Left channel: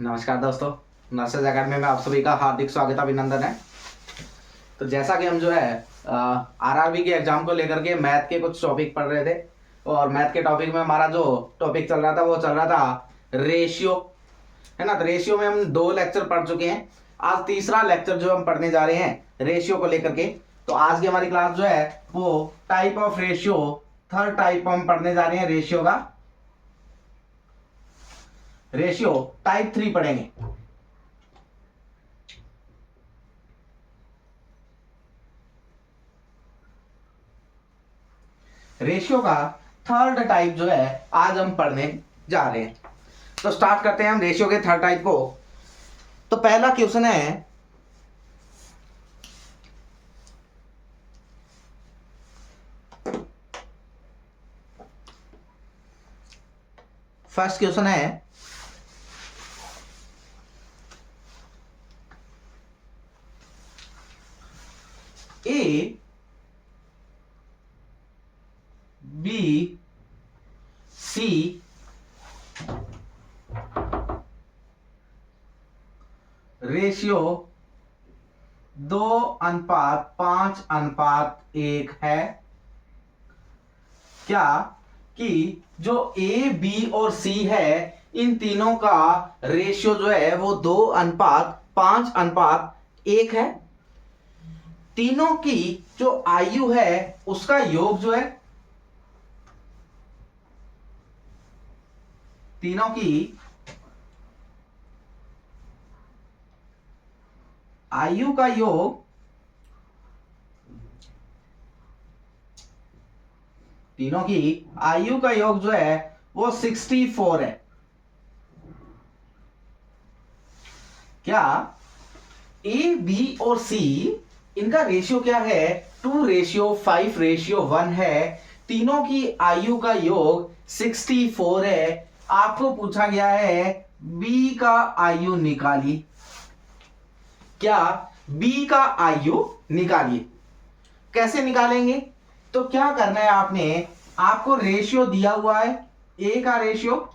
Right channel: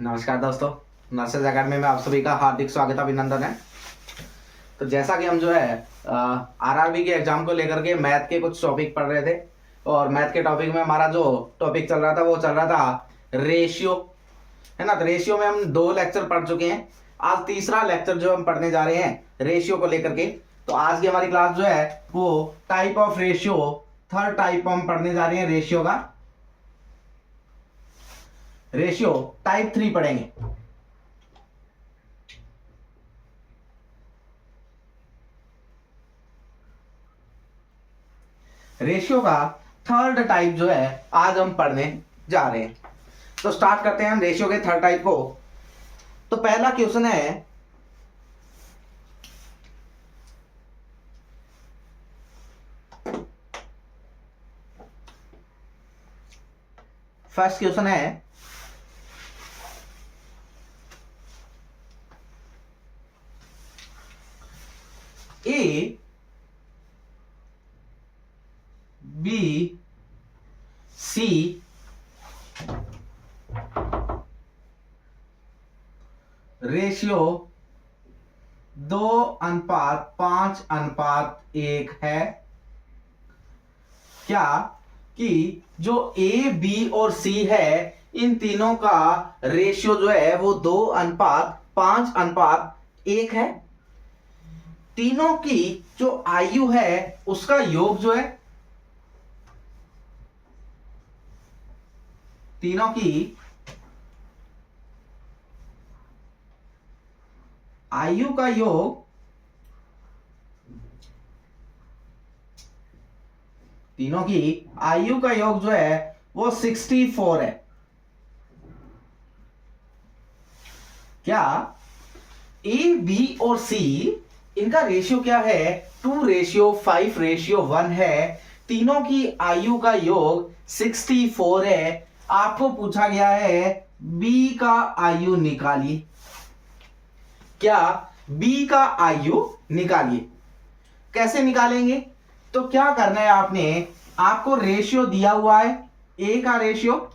नमस्कार दोस्तों, nurses academy में आप सभी का हार्दिक स्वागत अभिनंदन है। तो जैसा कि हम जो है आरआरबी के एग्जाम को लेकर के मैथ के कुछ टॉपिक पढ़ रहे थे और मैथ के टॉपिक में हमारा जो टॉपिक चल रहा था वो चल रहा था रेशियो, है ना। तो रेशियो में हम 2 लेक्चर पढ़ चुके हैं। आज तीसरा लेक्चर जो हम पढ़ने जा रहे हैं रेशियो को लेकर के। तो आज की हमारी क्लास जो है वो type of ratio, third type हम पढ़ने जा रहे हैं रेशियो का। रेशियो टाइप 3 पढ़ेंगे। रेशियो का थर्ड टाइप जो है आज हम पढ़ने जा रहे हैं। तो स्टार्ट करते हैं हम रेशियो के थर्ड टाइप को। तो पहला क्वेश्चन है, फर्स्ट क्वेश्चन है ए बी सी रेशियो 2:5:1 है। क्या कि जो ए बी और सी है इन तीनों का रेशियो जो है वो 2:5:1 है। तीनों की जो आयु है उसका योग जो है, तीनों की आयु का योग, तीनों की आयु का योग जो है वो 64 है। क्या ए बी और सी इनका रेशियो क्या है? 2:5:1 है। तीनों की आयु का योग 64 है। आपको पूछा गया है बी का आयु निकालिए। क्या बी का आयु निकालिए। कैसे निकालेंगे? तो क्या करना है आपने, आपको रेशियो दिया हुआ है, ए का रेशियो,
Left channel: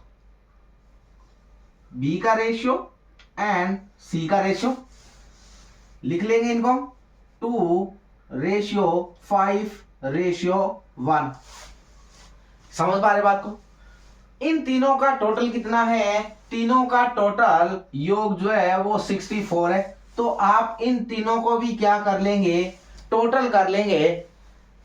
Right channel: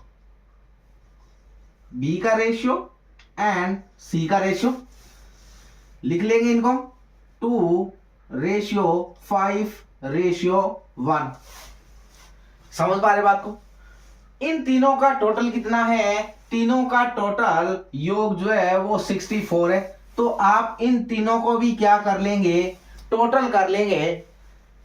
बी का रेशियो एंड सी का रेशियो। लिख लेंगे इनको 2:5:1। समझ पा रहे बात को? इन तीनों का टोटल कितना है? तीनों का टोटल योग जो है वो 64 है। तो आप इन तीनों को भी क्या कर लेंगे? टोटल कर लेंगे।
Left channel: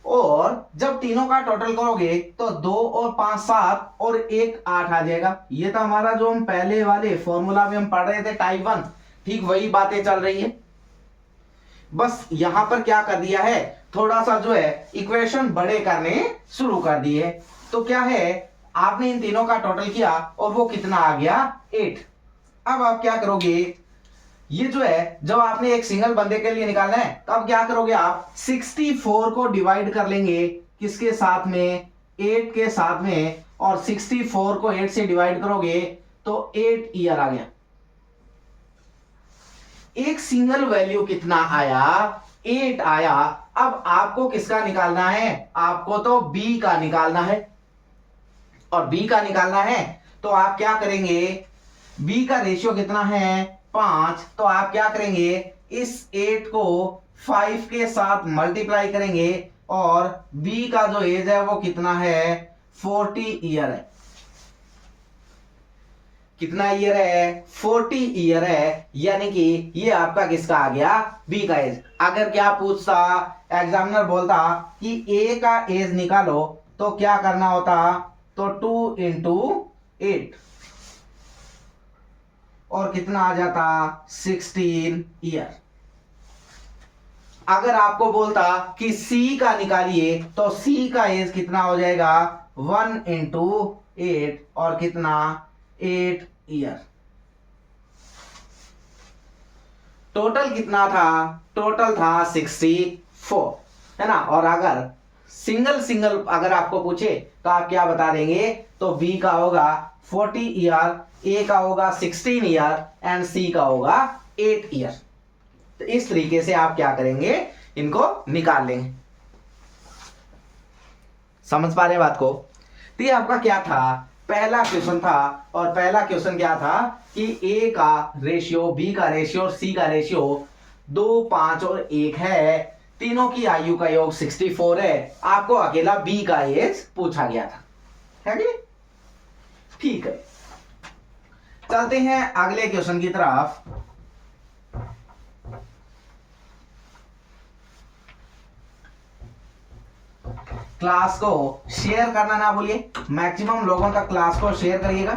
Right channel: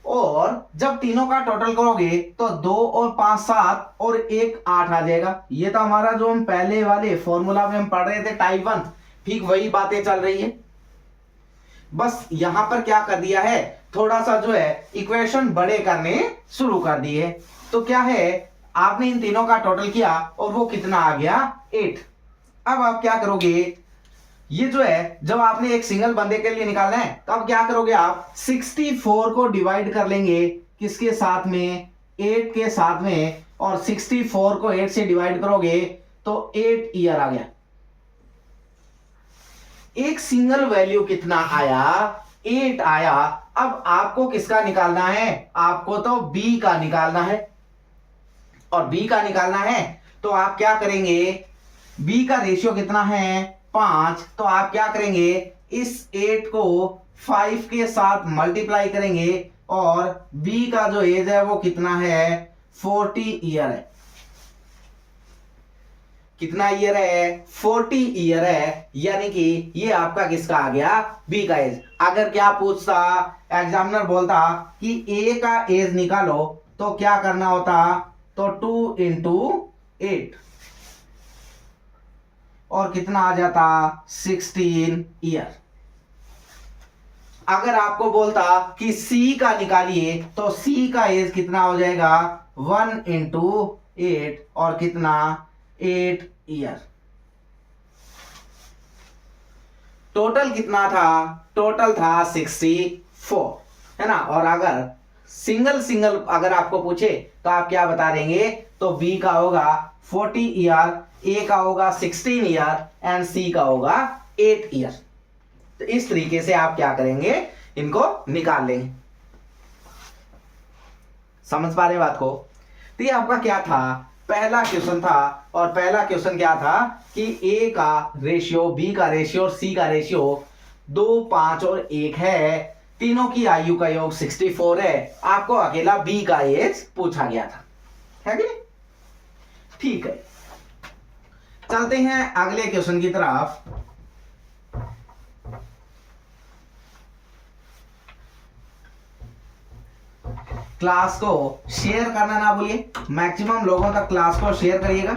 और जब तीनों का टोटल करोगे तो 2 और 5 7 और 1 8 आ जाएगा। ये तो हमारा जो हम पहले वाले फॉर्मूला में हम पढ़ रहे थे टाइप 1, ठीक वही बातें चल रही है। बस यहां पर क्या कर दिया है, थोड़ा सा जो है इक्वेशन बड़े करने शुरू कर दिए। तो क्या है, आपने इन तीनों का टोटल किया और वो कितना आ गया? 8। अब आप क्या करोगे, ये जो है जब आपने एक सिंगल बंदे के लिए निकालना है तो अब क्या करोगे, आप 64 को डिवाइड कर लेंगे किसके साथ में? 8 के साथ में। और 64 को 8 से डिवाइड करोगे तो 8 ईयर आ गया। एक सिंगल वैल्यू कितना आया? 8 आया। अब आपको किसका निकालना है? आपको तो बी का निकालना है। और बी का निकालना है तो आप क्या करेंगे, बी का रेशियो कितना है? 5। तो आप क्या करेंगे, इस 8 को 5 के साथ मल्टीप्लाई करेंगे और बी का जो एज है वो कितना है? 40 ईयर है। कितना ईयर है? 40 ईयर है। यानी कि ये आपका किसका आ गया? बी का एज। अगर क्या पूछता, एग्जामिनर बोलता कि ए का एज निकालो तो क्या करना होता? तो 2 × 8 और कितना आ जाता? 16 ईयर। अगर आपको बोलता कि सी का निकालिए तो सी का एज कितना हो जाएगा? 1 × 8 और कितना? 8 ईयर। टोटल कितना था? टोटल था 64, है ना। और अगर सिंगल सिंगल अगर आपको पूछे तो आप क्या बता देंगे? तो बी का होगा 40 ईयर, ए का होगा 16 ईयर एंड सी का होगा 8 ईयर। तो इस तरीके से आप क्या करेंगे, इनको निकाल लेंगे। समझ पा रहे हैं बात को? तो ये आपका क्या था? पहला क्वेश्चन था, और पहला क्वेश्चन क्या था कि ए का रेशियो, बी का रेशियो और सी का रेशियो 2, 5 और 1 है। तीनों की आयु का योग 64 है। आपको अकेला बी का एज पूछा गया था, है कि नहीं? ठीक है, चलते हैं अगले क्वेश्चन की तरफ। क्लास को शेयर करना ना भूलिए, मैक्सिमम लोगों तक क्लास को शेयर करिएगा।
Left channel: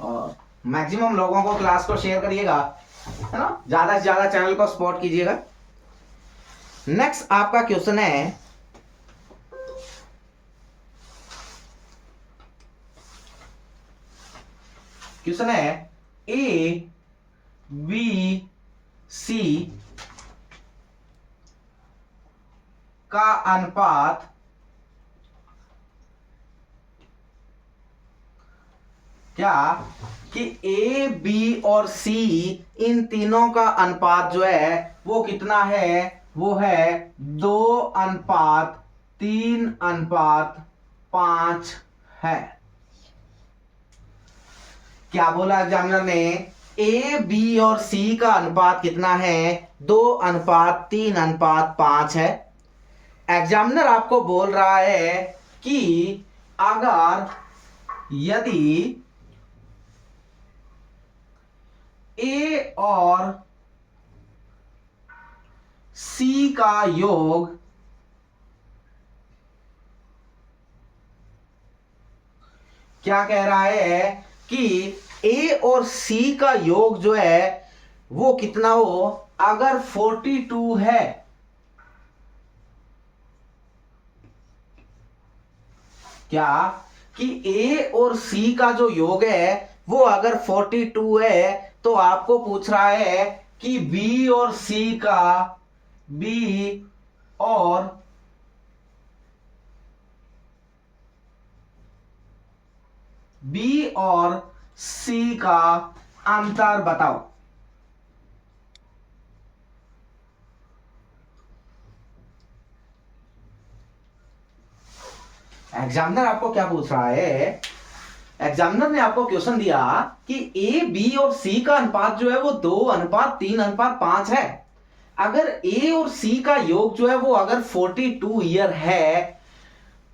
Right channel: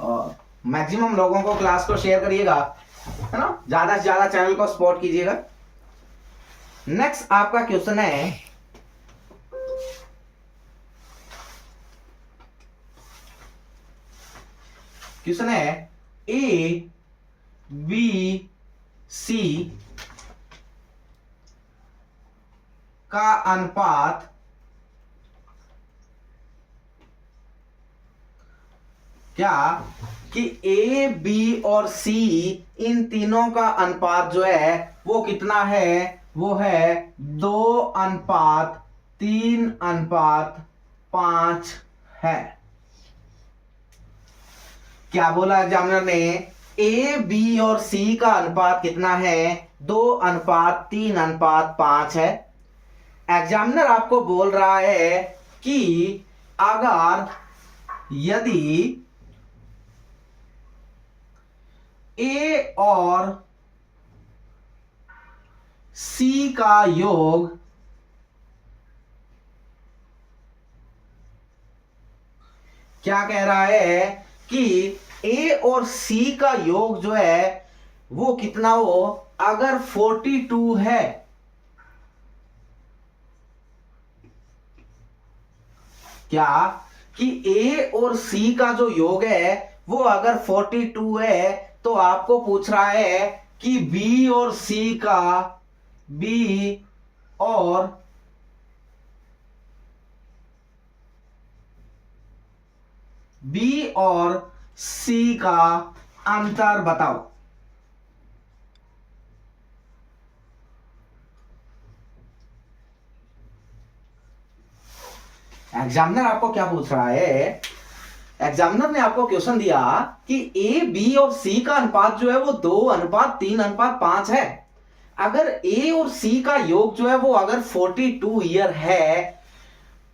और मैक्सिमम लोगों को क्लास को शेयर करिएगा, है ना, ज्यादा से ज्यादा चैनल को सपोर्ट कीजिएगा। नेक्स्ट आपका क्वेश्चन है, ए बी सी का अनुपात क्या कि ए बी और सी इन तीनों का अनुपात जो है वो कितना है, वो है 2:3:5 है। क्या बोला एग्जामिनर ने? ए बी और सी का अनुपात कितना है? 2:3:5 है। एग्जामिनर आपको बोल रहा है कि अगर यदि ए और सी का योग क्या कह रहा है कि ए और सी का योग जो है वो कितना हो, अगर 42 है, क्या कि ए और सी का जो योग है वो अगर 42 है, तो आपको पूछ रहा है कि बी और सी का, बी और सी का अंतर बताओ। एग्जामिनर आपको क्या पूछ रहा है? एग्जामिनर ने आपको क्वेश्चन दिया कि ए बी और सी का अनुपात जो है वो 2:3:5 है। अगर ए और सी का योग जो है वो अगर 42 ईयर है,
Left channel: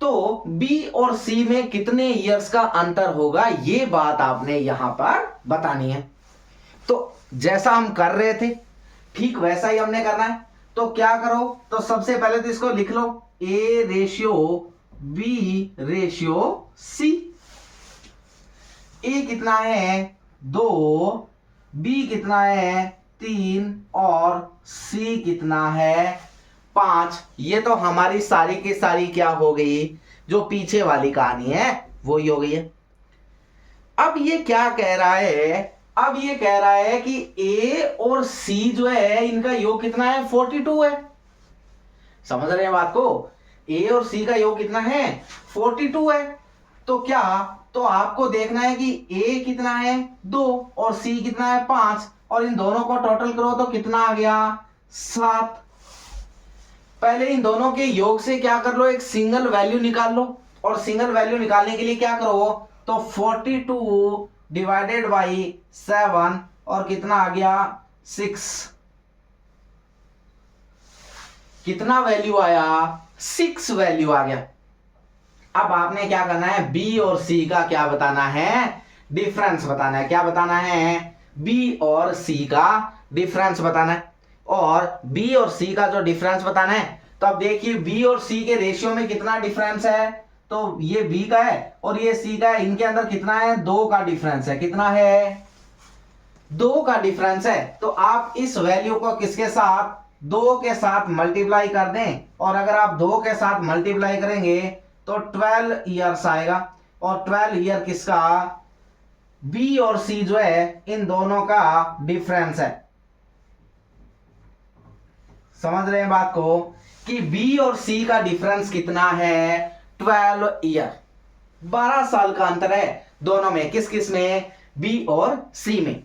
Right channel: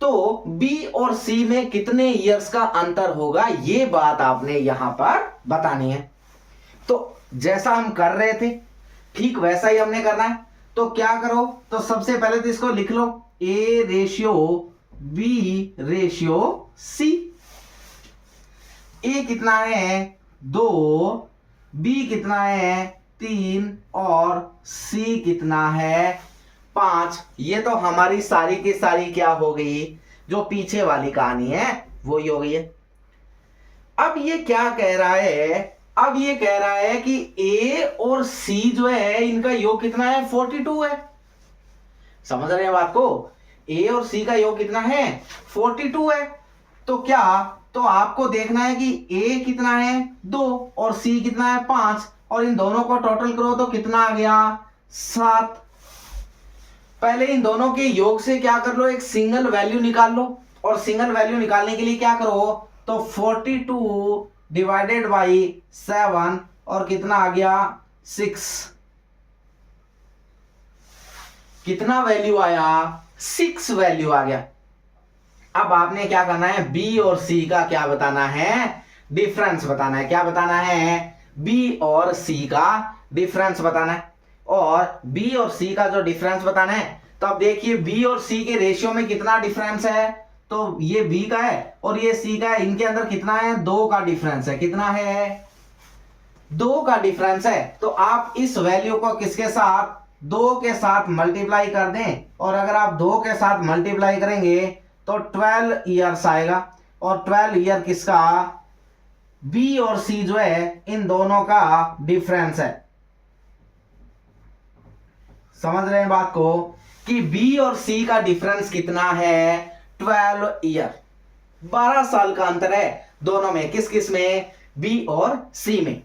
तो बी और सी में कितने ईयर्स का अंतर होगा, ये बात आपने यहां पर बतानी है। तो जैसा हम कर रहे थे ठीक वैसा ही हमने करना है। तो क्या करो, तो सबसे पहले तो इसको लिख लो, A ratio B ratio C. A कितना है 2, बी कितना है 3 और सी कितना है 5। ये तो हमारी सारी की सारी क्या हो गई, जो पीछे वाली कहानी है वो ही हो गई है। अब ये क्या कह रहा है? अब ये कह रहा है कि ए और सी जो है इनका योग कितना है, 42 है। समझ रहे हैं बात को? ए और सी का योग कितना है, 42 है। तो क्या, तो आपको देखना है कि ए कितना है 2 और सी कितना है 5, और इन दोनों को टोटल करो तो कितना आ गया 7। पहले इन दोनों के योग से क्या कर लो, एक सिंगल वैल्यू निकाल लो, और सिंगल वैल्यू निकालने के लिए क्या करो, तो 42 डिवाइडेड बाई 7 और कितना आ गया 6। कितना वैल्यू आया, 6 वैल्यू आ गया। अब आपने क्या करना है, बी और सी का क्या बताना है, डिफरेंस बताना है। क्या बताना है, बी और सी का डिफरेंस बताना है। और बी और सी का जो डिफरेंस बताना है, तो अब देखिए बी और सी के रेशियो में कितना डिफरेंस है, तो ये बी का है और ये सी का है। इनके अंदर कितना है, 2 का डिफरेंस है। कितना है, 2 का डिफरेंस है। तो आप इस वैल्यू को किसके साथ, 2 के साथ मल्टीप्लाई कर दें, और अगर आप 2 के साथ मल्टीप्लाई करेंगे तो 12 ईयर्स आएगा। और 12 ईयर किसका, बी और सी जो है इन दोनों का डिफरेंस है। समझ रहे हैं बात को, कि बी और सी का डिफरेंस कितना है, 12 ईयर। 12 साल का अंतर है दोनों में। किस किस में, बी और सी में।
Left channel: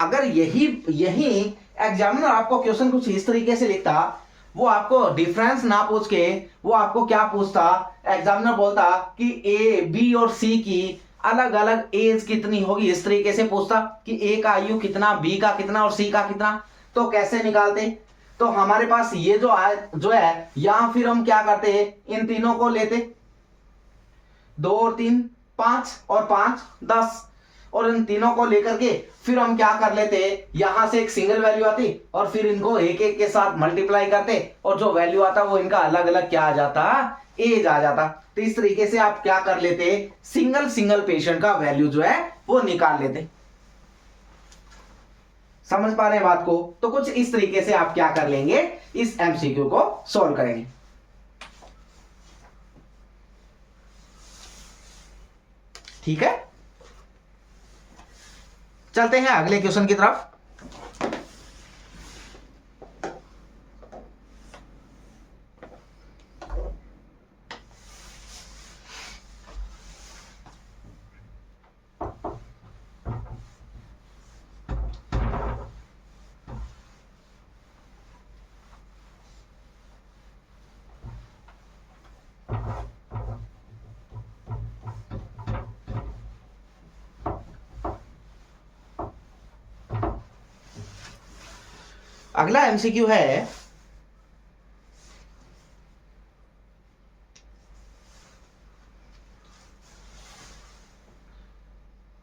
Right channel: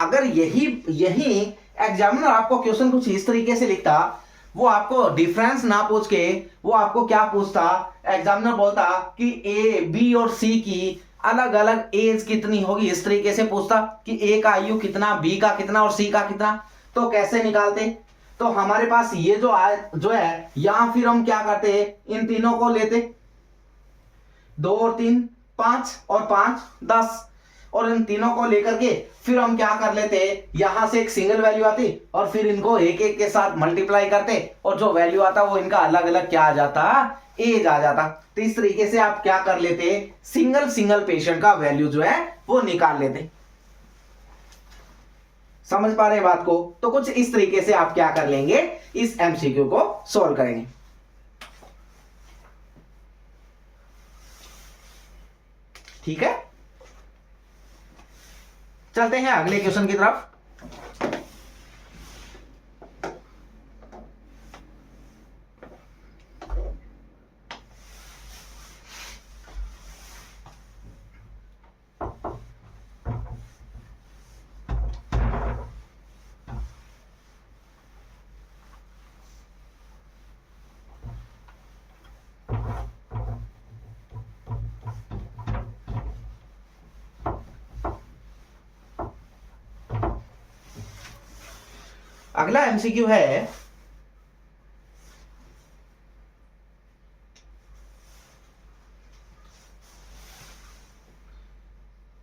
अगर यही एग्जामिनर आपको क्वेश्चन कुछ इस तरीके से लिखता, वो आपको डिफरेंस ना पूछ के वो आपको क्या पूछता, एग्जामिनर बोलता कि ए बी और सी की अलग अलग एज कितनी होगी, इस तरीके से पूछता कि ए का आयु कितना, बी का कितना और सी का कितना। तो कैसे निकालते, तो हमारे पास ये जो है यहां फिर हम क्या करते, इन तीनों को लेते, 2 और 3 5 और 5 10, और इन तीनों को लेकर के फिर हम क्या कर लेते, यहां से एक सिंगल वैल्यू आती और फिर इनको एक एक के साथ मल्टीप्लाई करते और जो वैल्यू आता वो इनका अलग अलग क्या आ जाता, एज आ जाता। तो इस तरीके से आप क्या कर लेते, सिंगल सिंगल पेशेंट का वैल्यू जो है वो निकाल लेते। समझ पा रहे हैं बात को? तो कुछ इस तरीके से आप क्या कर लेंगे, इस एमसीक्यू को सॉल्व करेंगे। ठीक है, चलते हैं अगले क्वेश्चन की तरफ। अगला एमसीक्यू है,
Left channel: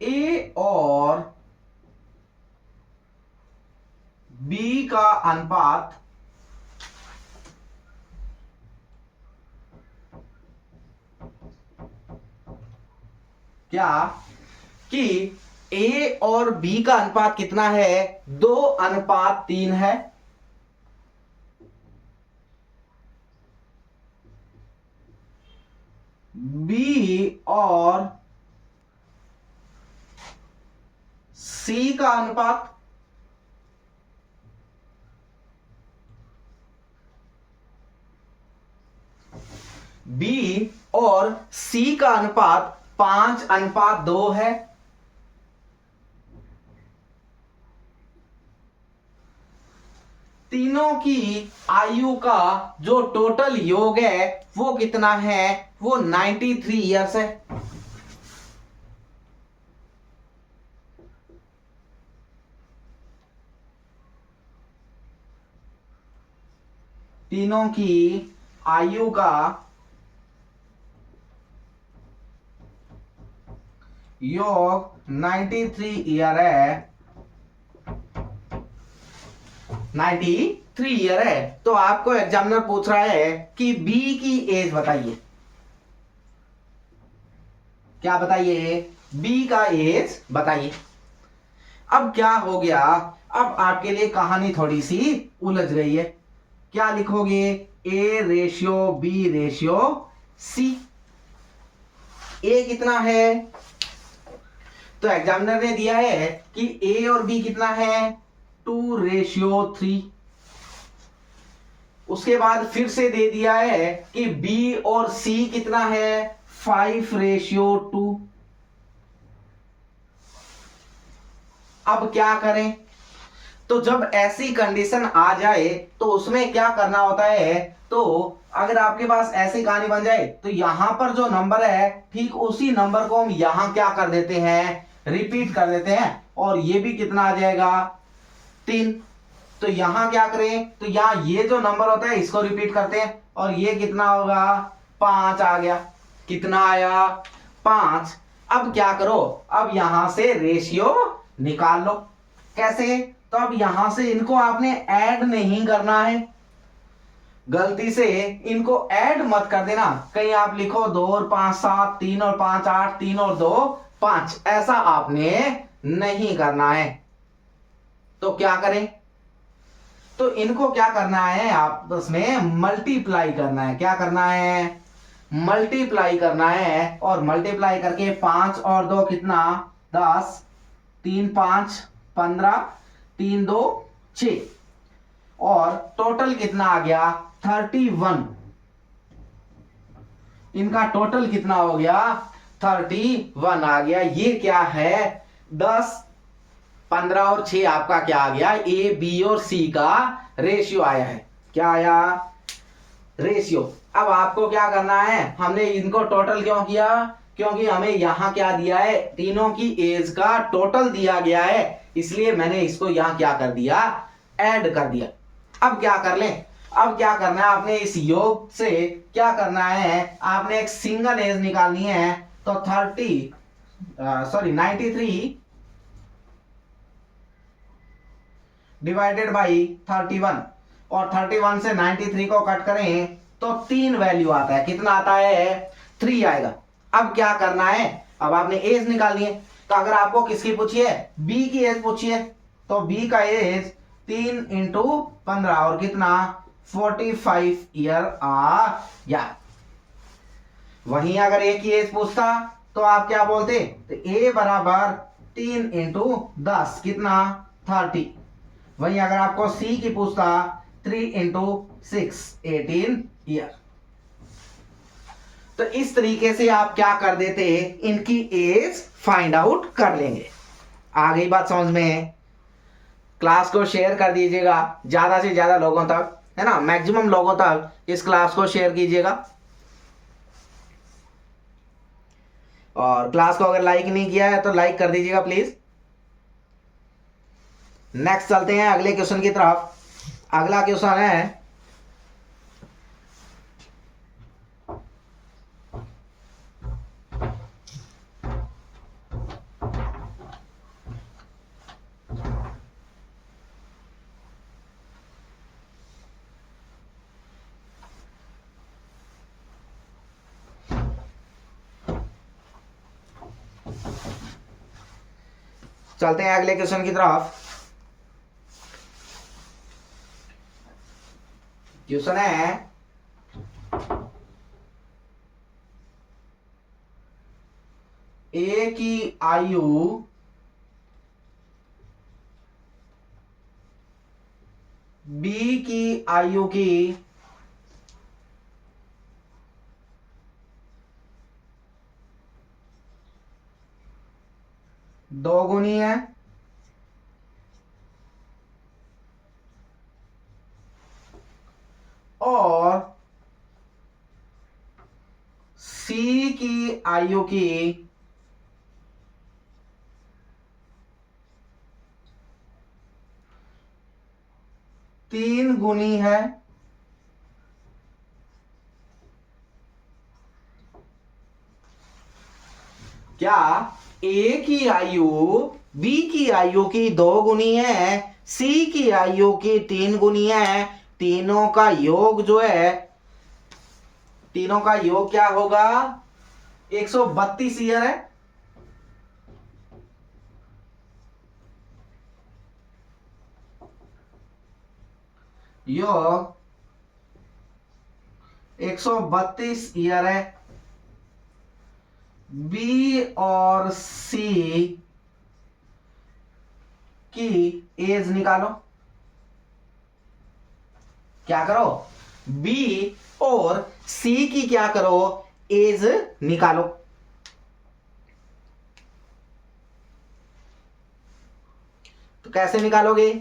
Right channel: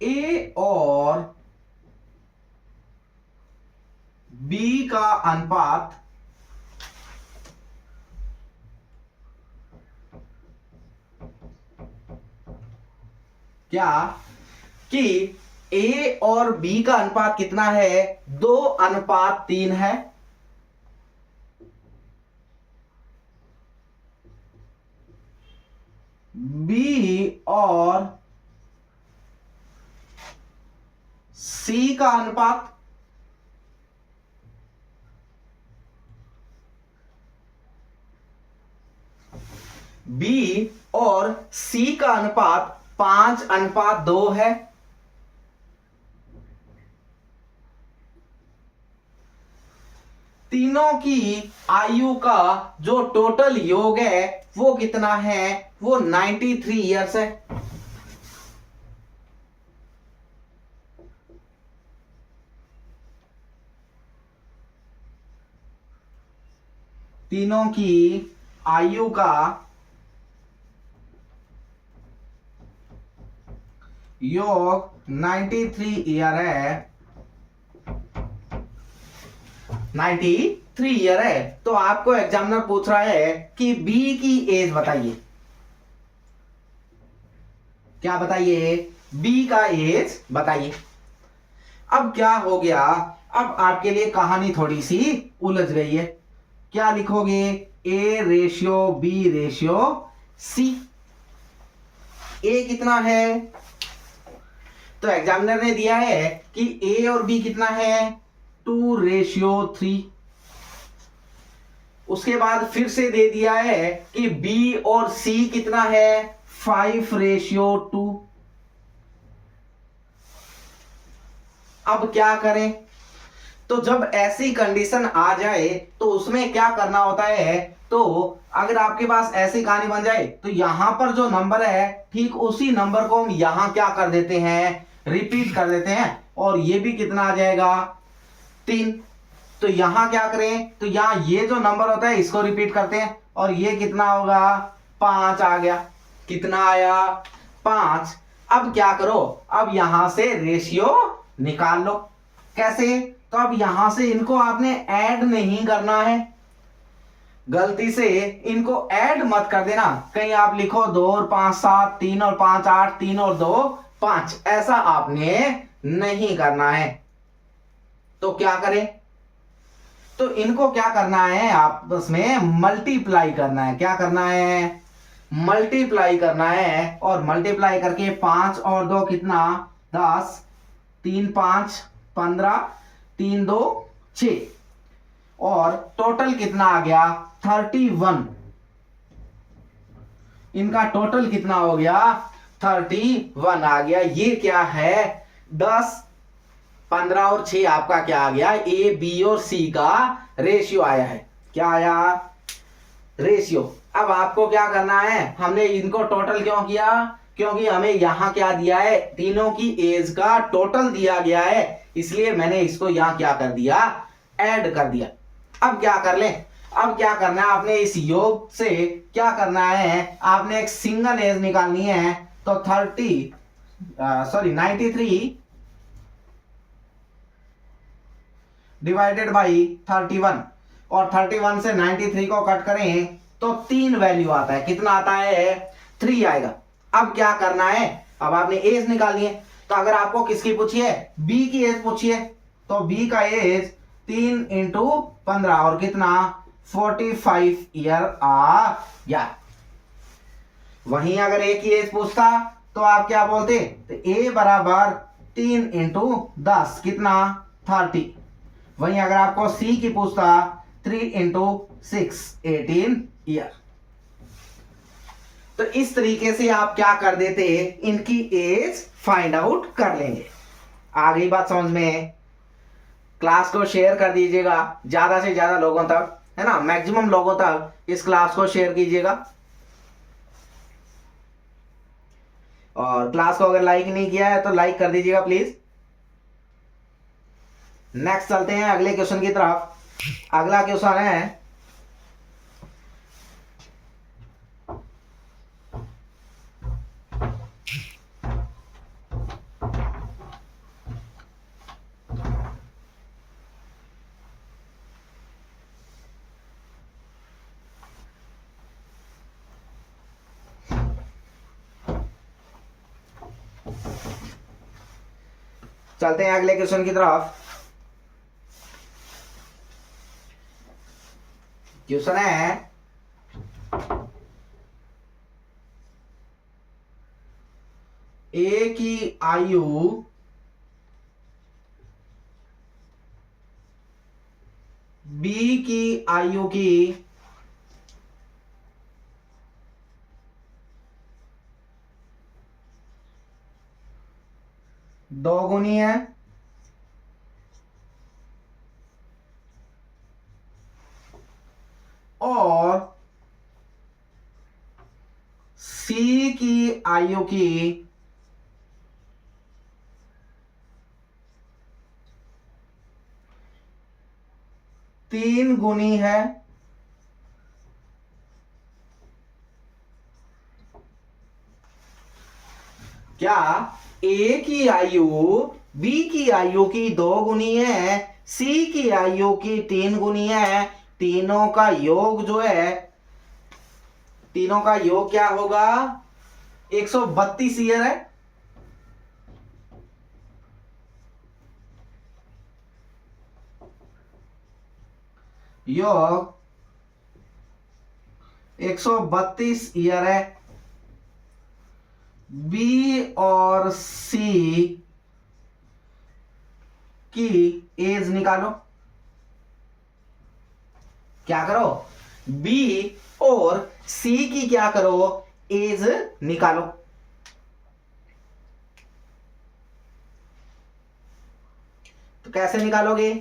ए और बी का अनुपात क्या, कि ए और बी का अनुपात कितना है, 2:3 है। बी और सी का अनुपात बी और सी का अनुपात 5:2 है। तीनों की आयु का जो टोटल योग है वो कितना है, वो 93 ईयर्स है। तीनों की आयु का योग 93 ईयर है, 93 ईयर है। तो आपको एग्जामिनर पूछ रहा है कि बी की एज बताइए, क्या बताइए, बी का एज बताइए। अब क्या हो गया, अब आपके लिए कहानी थोड़ी सी उलझ गई है। क्या लिखोगे, A ratio B ratio C. A कितना है, तो एग्जामिनर ने दिया है कि ए और बी कितना है, 2:3। उसके बाद फिर से दे दिया है कि बी और सी कितना है, 5:2। अब क्या करें, तो जब ऐसी कंडीशन आ जाए तो उसमें क्या करना होता है, तो अगर आपके पास ऐसी कहानी बन जाए तो यहां पर जो नंबर है ठीक उसी नंबर को हम यहां क्या कर देते हैं, रिपीट कर देते हैं, और ये भी कितना आ जाएगा, 3। तो यहां क्या करें, तो यहां ये जो नंबर होता है इसको रिपीट करते हैं, और ये कितना होगा, 5 आ गया। कितना आया, 5। अब क्या करो, अब यहां से रेशियो निकाल लो। कैसे, तो अब यहां से इनको आपने ऐड नहीं करना है, गलती से इनको ऐड मत कर देना। कहीं आप लिखो 2 और 5 7, 3 और 5 8, 3 और 2 5, ऐसा आपने नहीं करना है। तो क्या करें, तो इनको क्या करना है, आपस में मल्टीप्लाई करना है। क्या करना है, मल्टीप्लाई करना है, और मल्टीप्लाई करके 5 और 2 कितना, 10, 3 5 15, 3 2 6, और टोटल कितना आ गया, 31। इनका टोटल कितना हो गया, 31 आ गया। ये क्या है, 10 15 और 6 आपका क्या आ गया, ए बी और सी का रेशियो आया है। क्या आया, रेशियो। अब आपको क्या करना है, हमने इनको टोटल क्यों किया, क्योंकि हमें यहाँ क्या दिया है, तीनों की एज का टोटल दिया गया है, इसलिए मैंने इसको यहाँ क्या कर दिया, ऐड कर दिया। अब क्या कर लें, अब क्या करना है, आपने इस योग से क्या करना है, आपने एक सिंगल एज निकालनी है। तो 93 डिवाइडेड बाई 31, और 31 से 93 को कट करें तो 3 वैल्यू आता है, कितना आता है, 3 आएगा। अब क्या करना है, अब आपने एज निकालनी है। तो अगर आपको किसकी पूछी है, बी की एज पूछी है, तो बी का एज 3 × 15 और कितना 45 ईयर आ गया। वहीं अगर ए की एज पूछता तो आप क्या बोलते, तो ए बराबर 3 × 10 कितना 30। वहीं अगर आपको सी की पूछता 3 × 6 18 ईयर। तो इस तरीके से आप क्या कर देते, इनकी एज फाइंड आउट कर लेंगे। आ गई बात समझ में। क्लास को शेयर कर दीजिएगा ज्यादा से ज्यादा लोगों तक, है ना, मैक्सिमम लोगों तक इस क्लास को शेयर कीजिएगा। और क्लास को अगर लाइक नहीं किया है तो लाइक कर दीजिएगा प्लीज। नेक्स्ट चलते हैं अगले क्वेश्चन की तरफ। अगला क्वेश्चन है, चलते हैं अगले क्वेश्चन की तरफ। क्वेश्चन है, ए की आयु बी की आयु की दोगुनी है, और सी की आयु की 3 गुनी है। क्या ए की आयु बी की आयु की 2 गुनी है, सी की आयु की 3 गुनी है, तीनों का योग जो है, तीनों का योग क्या होगा, 132 ईयर है। योग 132 ईयर है। बी और सी की एज निकालो। क्या करो, बी और सी की क्या करो, एज निकालो। तो कैसे निकालोगे,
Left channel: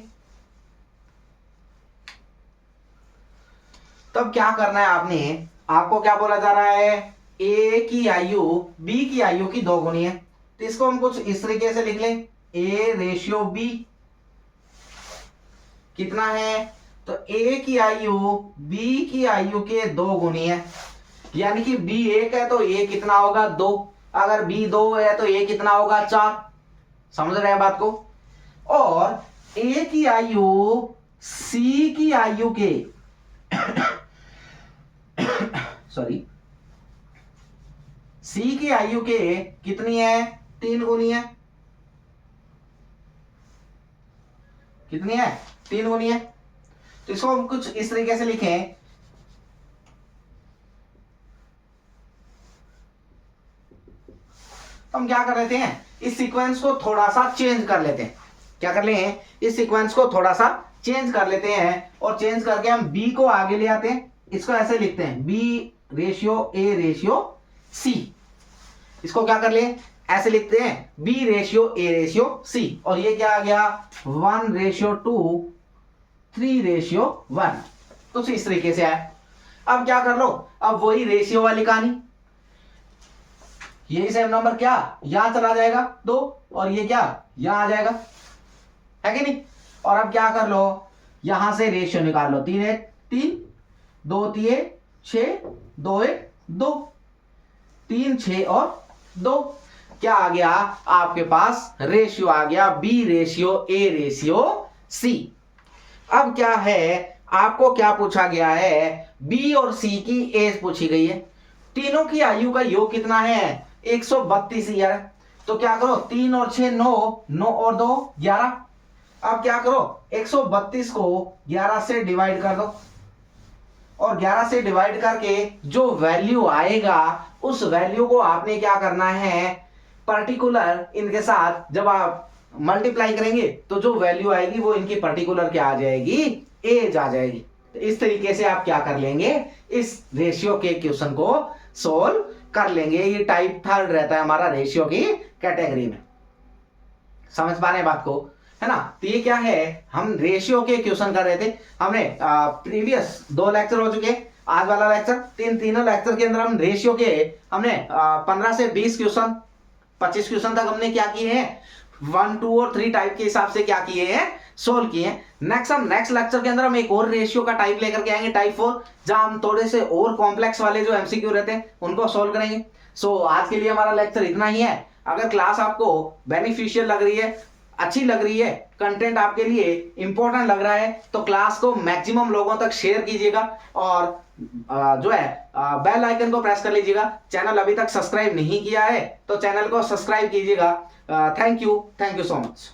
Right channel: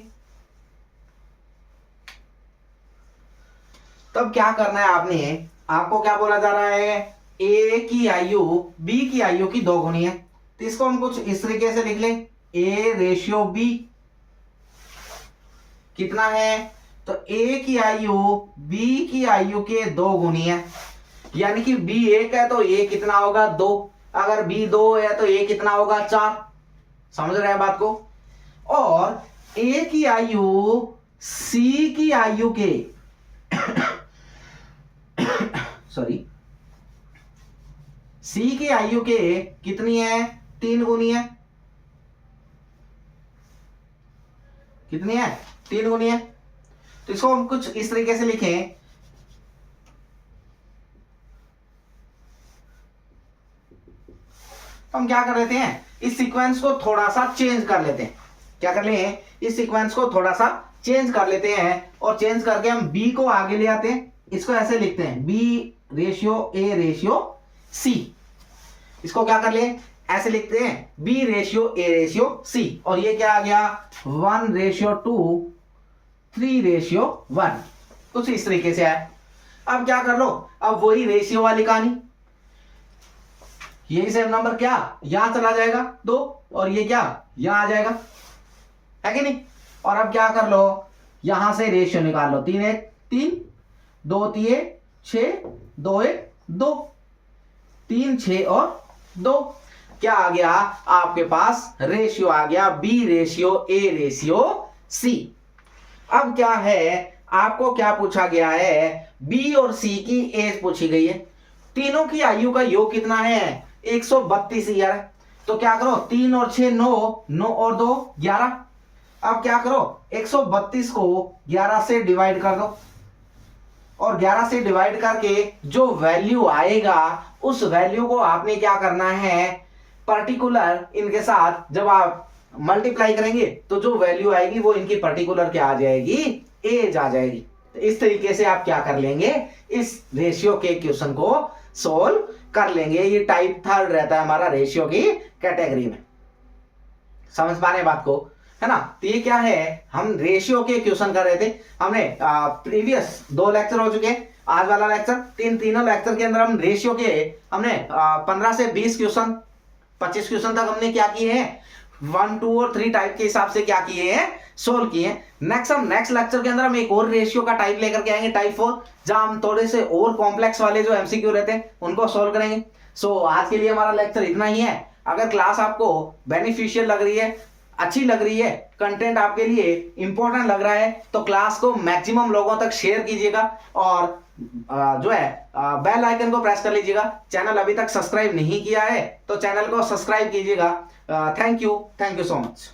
तब क्या करना है आपने, आपको क्या बोला जा रहा है, ए की आयु बी की आयु की 2 गुनी है। तो इसको हम कुछ इस तरीके से लिख लें, ए रेशियो बी कितना है, तो ए की आयु बी की आयु के 2 गुनी है, यानी कि बी 1 है तो ए कितना होगा 2, अगर बी 2 है तो ए कितना होगा 4। समझ रहे हैं बात को। और ए की आयु सी की आयु के सॉरी, सी की आयु के कितनी है, 3 गुनी है। कितनी है, 3 गुनी है। तो इसको हम कुछ इस तरीके से लिखें, हम क्या कर लेते हैं, इस सीक्वेंस को थोड़ा सा चेंज कर लेते हैं। क्या कर लें, इस सीक्वेंस को थोड़ा सा चेंज कर लेते हैं, और चेंज करके हम बी को आगे ले आते हैं। इसको ऐसे लिखते हैं, B ratio A ratio C. इसको क्या कर ले, ऐसे लिखते हैं, B ratio A ratio C, और ये क्या आ गया 1:2 3:1। कुछ इस तरीके से आया। अब क्या कर लो, अब वही रेशियो वाली कहानी, यही सेम नंबर क्या यहां चला जाएगा 2 और ये क्या यहां आ जाएगा, है कि नहीं। और अब क्या कर लो, यहां से रेशियो निकाल लो, 3 1 3 2 3 6 2 1 2 3 6 और 2, क्या आ गया आपके पास रेशियो आ गया B ratio A ratio C. अब क्या है आपको क्या पूछा गया है, बी और सी की एज पूछी गई है, तीनों की आयु का योग कितना है 132 ईयर है। तो क्या करो 3 और 6 9, 9 और 2 11। अब क्या करो 132 को 11 से डिवाइड कर दो और 11 से डिवाइड करके जो वैल्यू आएगा उस वैल्यू को आपने क्या करना है पर्टिकुलर इनके साथ जब आप मल्टीप्लाई करेंगे तो जो वैल्यू आएगी वो इनकी पर्टिकुलर क्या आ जाएगी एज आ जाएगी। तो इस तरीके से आप क्या कर लेंगे इस रेशियो के क्वेश्चन को सोल्व कर लेंगे। ये टाइप 3 रहता है हमारा रेशियो की कैटेगरी में, समझ पा रहे बात को, है ना। तो ये क्या है हम रेशियो के क्वेश्चन कर रहे थे, हमने प्रीवियस 2 लेक्चर हो चुके हैं, आज वाला लेक्चर तीनों लेक्चर के अंदर हम रेशियो के हमने 15 से 20 क्वेश्चन 25 क्वेश्चन तक हमने क्या किए हैं 1 2 और 3 टाइप के हिसाब से क्या किए हैं सोल्व किए हैं। नेक्स्ट लेक्चर के अंदर हम एक और रेशियो का टाइप लेकर के आएंगे टाइप 4, जहां हम थोड़े से और कॉम्प्लेक्स वाले जो एमसीक्यू रहते हैं उनको सोल्व करेंगे। सो आज के लिए हमारा लेक्चर इतना ही है। अगर क्लास आपको बेनिफिशियल लग रही है, अच्छी लग रही है, कंटेंट आपके लिए इंपॉर्टेंट लग रहा है तो क्लास को मैक्सिमम लोगों तक शेयर कीजिएगा और जो है बेल आइकन को प्रेस कर लीजिएगा। चैनल अभी तक सब्सक्राइब नहीं किया है तो चैनल को सब्सक्राइब कीजिएगा। Thank you so much.